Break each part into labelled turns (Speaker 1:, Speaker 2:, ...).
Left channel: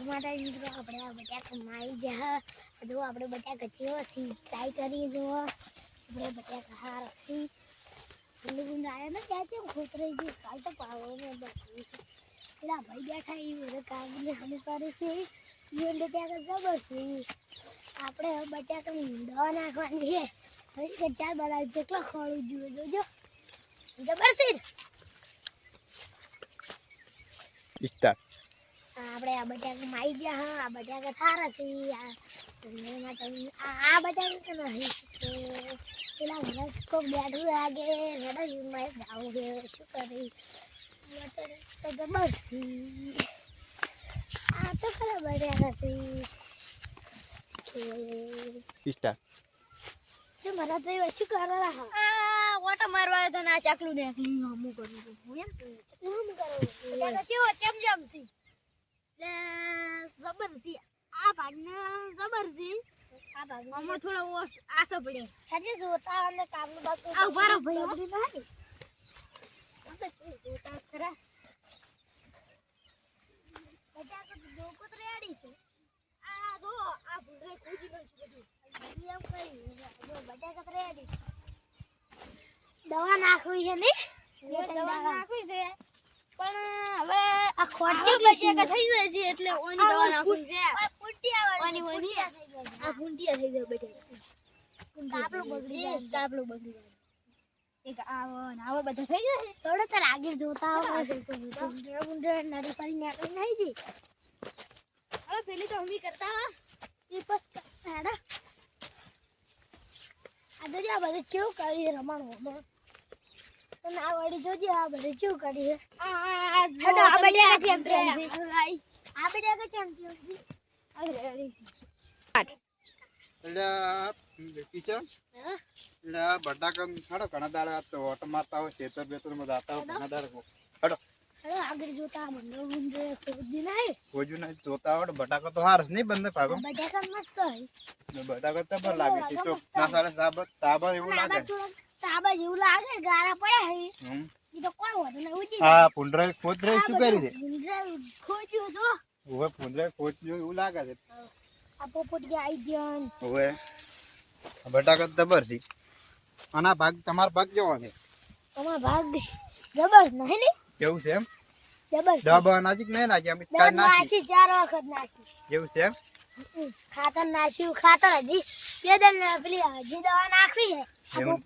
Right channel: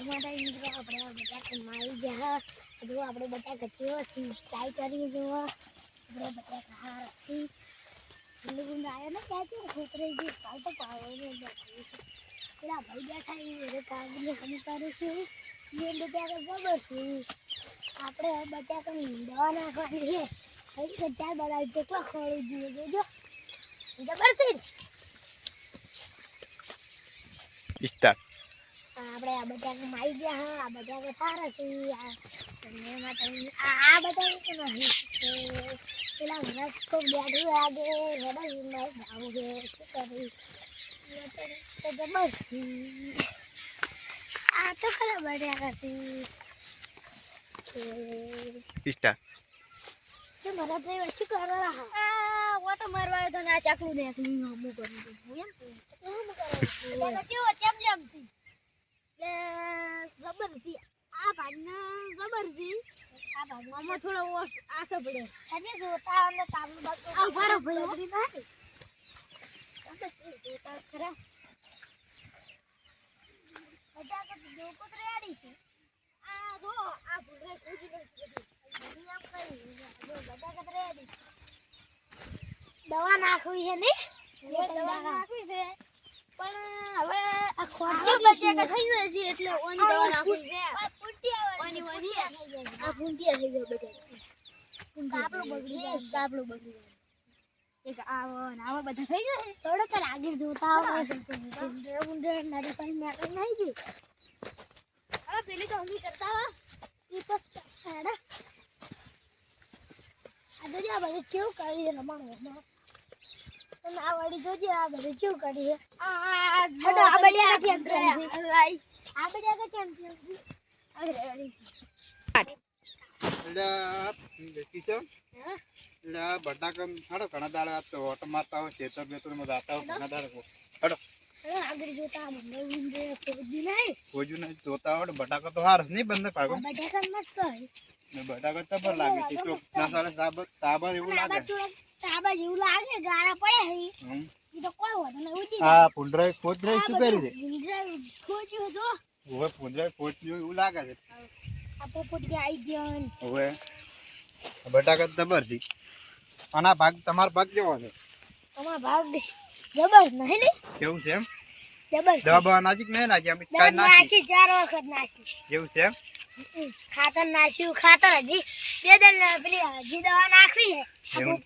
Speaker 1: માટે મિત્રો આપણે આ આપણે જેવો છે ટ્રાય કરીએ જો. આપણે બટાકા હાર છે ગુંડ ત્યાં કેમ ખોતરાઈ ગયું કાલ તો પાવર ને બધું પેલા ભાઈ બેઠા એ બધે કાગળની હાની કરે છે. એ બટાકા જબર છે. નાખવાની છે. ચાર બનાવી જેટલો ખોળી જોઈએ જોજો. જબર
Speaker 2: સ્ટાર્ટ
Speaker 1: આપણે આ બટાકા મારી ગયા હા આ બટાકા સારા છે આ બટાકા નહીં પેલા મને તો બેઠું લાગે રડા મારે જાવું છે શું કરી? તો જબર આ તો ખરા બટાકા છે. મારા તો શું કરવા? હા
Speaker 3: આ ઓટો મારવા તો ના ચાકલું ને હું એમ. કેવો ચમ છે એટલે જબર છે આ ભાગના જબર છે
Speaker 1: આ
Speaker 3: ભાગમાં થોડો ઓસ આસો પડે
Speaker 1: હજી જોતા અને કામનું બાકી
Speaker 3: આ ઊભા રહો ભાઈ, હો.
Speaker 1: બધી જોતા ખરા? બટાકા તો ડોકો છે.
Speaker 3: આ જો આ બધી.
Speaker 1: આમ જો દવા નાખવી છે ને?
Speaker 3: દવા નાખવી છે. પણ હવે
Speaker 1: આ ખોટ
Speaker 3: આ બટાકા થઈ જાય છે એટલે ઓની દવા નાખવી છે. ઓની ઓની આ ભૂંટિયા થઈ જાય બટાકા
Speaker 1: તાપલું બગડી જાય.
Speaker 3: તાપલું બગડી જાય. એક આવો ને આવો બધા થઈ જાય
Speaker 1: થોડો તાર આગળ જોતા આવે નીકળી નહીં જી
Speaker 3: હવે પેલી તો હમી કરતા હો
Speaker 1: એ બસ હેડા. આ જોજે આ બધું કેવું કરી રમણવામાં અને આ વળી જોજે આ બધું કેવું કરી
Speaker 3: આ
Speaker 1: આ બટાકા જેમ તેમ છે.
Speaker 3: લાઈ
Speaker 1: આ બટાકા ચેમ્પિયન છે?
Speaker 3: અરે અરે
Speaker 2: એટલે કિશન
Speaker 1: હા?
Speaker 2: એટલે આ બટાકા હાડો ઘણા દાડા આ તો હાર નહીં બંને ભાગો.
Speaker 1: બટાકા મસ્ત હોય.
Speaker 2: બટાકા લાગે તો ના સાબર તાબર એવું લાગે.
Speaker 1: તાબા જેવું લાગે ગારા પડે હે
Speaker 2: હમ.
Speaker 1: તો કોઈ વાંધો નહીં ઉજી
Speaker 2: આ પુંડરાય ખોદરાય શું કર્યું છે?
Speaker 1: ગુંડે ખોજ્યું તો
Speaker 2: ઓવે પુંડરાય ખોદ્યું એવું લાગે છે.
Speaker 1: આ પોપટ કે આઈ ગયો
Speaker 2: ઓવે. બટાકા દબરથી આના ભાગ તમાર ભાગ કેવો છે?
Speaker 1: તમારા ભાગ જબર નહીં ને?
Speaker 2: કેવું છે એમ?
Speaker 1: જબર
Speaker 2: દબા નાજીક નાખી નહીં નાખી અમે નાખી.
Speaker 1: ચાર વખત નાસી.
Speaker 2: કેવું છે એમ.
Speaker 1: ખાતર નાખ્યું ખાતર હજી બે દિન પેલી હજી દવા નાખવી છે.
Speaker 2: એવું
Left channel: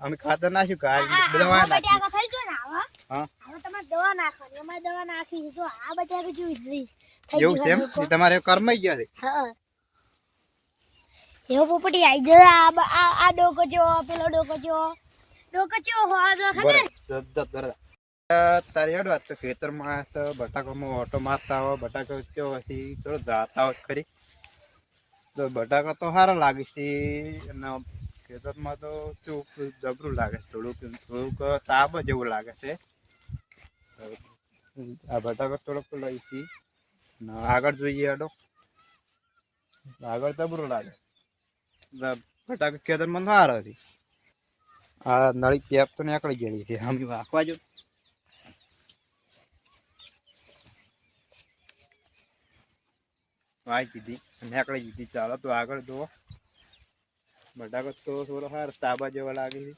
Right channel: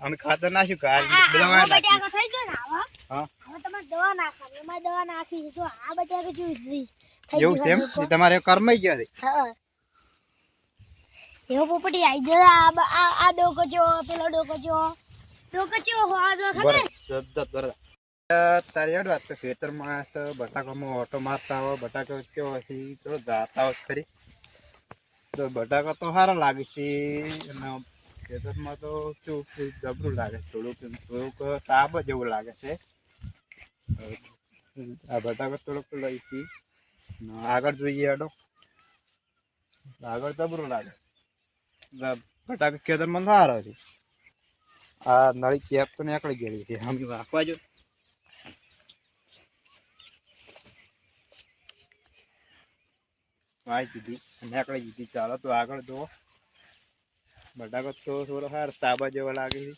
Speaker 2: અમે ખાતર નાખ્યું કે
Speaker 1: આ- આ-
Speaker 2: આ દવા નાખી
Speaker 1: થઈ ગયો ને આવા?
Speaker 2: હા.
Speaker 1: હવે તમારે દવા નાખવાની અમારે દવા નાખી તો આ બટાકા જેવું થઈ
Speaker 2: એવું
Speaker 1: ગયું
Speaker 2: એ તમારે કરમાઈ ગયા છે.
Speaker 1: હા. એવો પોપટી આવી જાય આ આ ડોકો જો પેલો ડોકો જો ડોકો જો હોવા જો ખબર?
Speaker 2: તારે હેડ વાત તો ખેતરમાં બટાકામાં ઓટો મારતા હોય બટાકો કેવો છે તો જાતા હોય ખરી. તો બટાકા તો સારા લાગે છે. અને ખેતરમાં તો શું જબરું લાગે છે. થોડુંક થોડુંક તાપ જેવું લાગે છે. આ બટાકા થોડુંક લઈ છીએ આગળ જોઈએ હેડો આગળ જબરું લાગે. બટાકા ખેતરમાં સારા છે. આ નળી કેપ તો નીકળી ગયેલી છે. આમ રાખવા જો. વાય દીધી આકડે દીધી. ચાલો તો આગળ જુઓ. બટાકો તો થોડો હાર તાબા જેવા લાગે છે.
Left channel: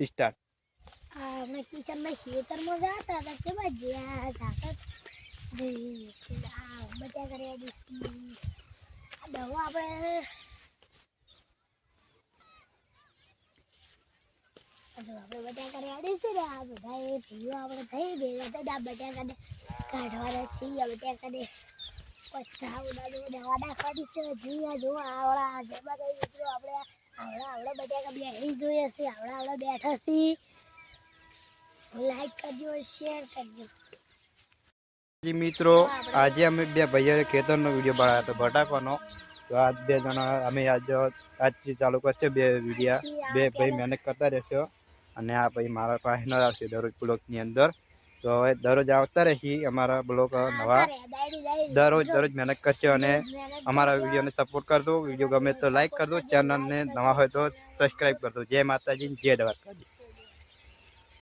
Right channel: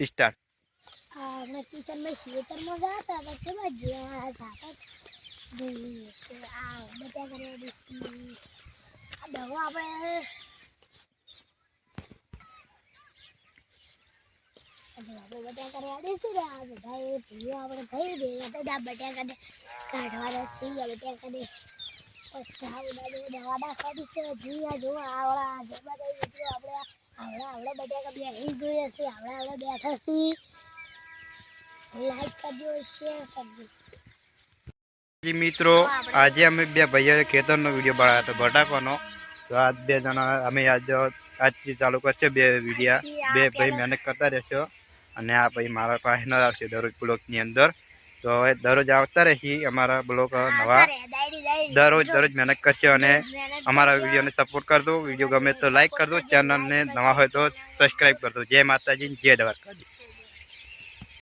Speaker 2: સ્ટાર્ટ
Speaker 1: આપણે કિચનમાં ખેતરમાં જતા હતા આ દવા આપણે હજુ આપણે બટાકા રેડી છે ને આ બધા એ ભૂલો આપણે થઈ ગયા હતા આ બટાકાને કાઢવાના છીએ આ બટાકાને પછા ઉડાડો દવા નાખવાની છે હજી આ જો આવડા જમા થઈ ગયું આપણે આવડા આવડા બટાકા બેસી જોઈએ છે આવડા આવડા બેઠા છીએ લાઈક કરજો શેર કરજો
Speaker 2: જી મિત્રો, આજે અમે બે ભાઈઓ ખેતરનો વીડિયો બનાવ્યો હતો, બટાકાનો. તો આજ બે જણા, અમે આજ, આજથી ચાલુ કરશે બે વિડીયા. બે ભાઈ મહેનત કરતા રહેશો. અને આ ભાઈ મારા પાસે ન આવશે દરરોજ બ્લોગની અંદર. તો હવે દરરોજ આવતા રહેશે અમારા બ્લોગ નવા. દરરોજ દરરોજ મહેનત કરશે અને અમારા વિડીયોને સપોર્ટ કરજો. વીડિયો ગમે તો લાઇક કરજો. ચેનલને નવા હોય તો સબસ્ક્રાઈબ કરજો. જય માતાજી જય દ્વારકાજી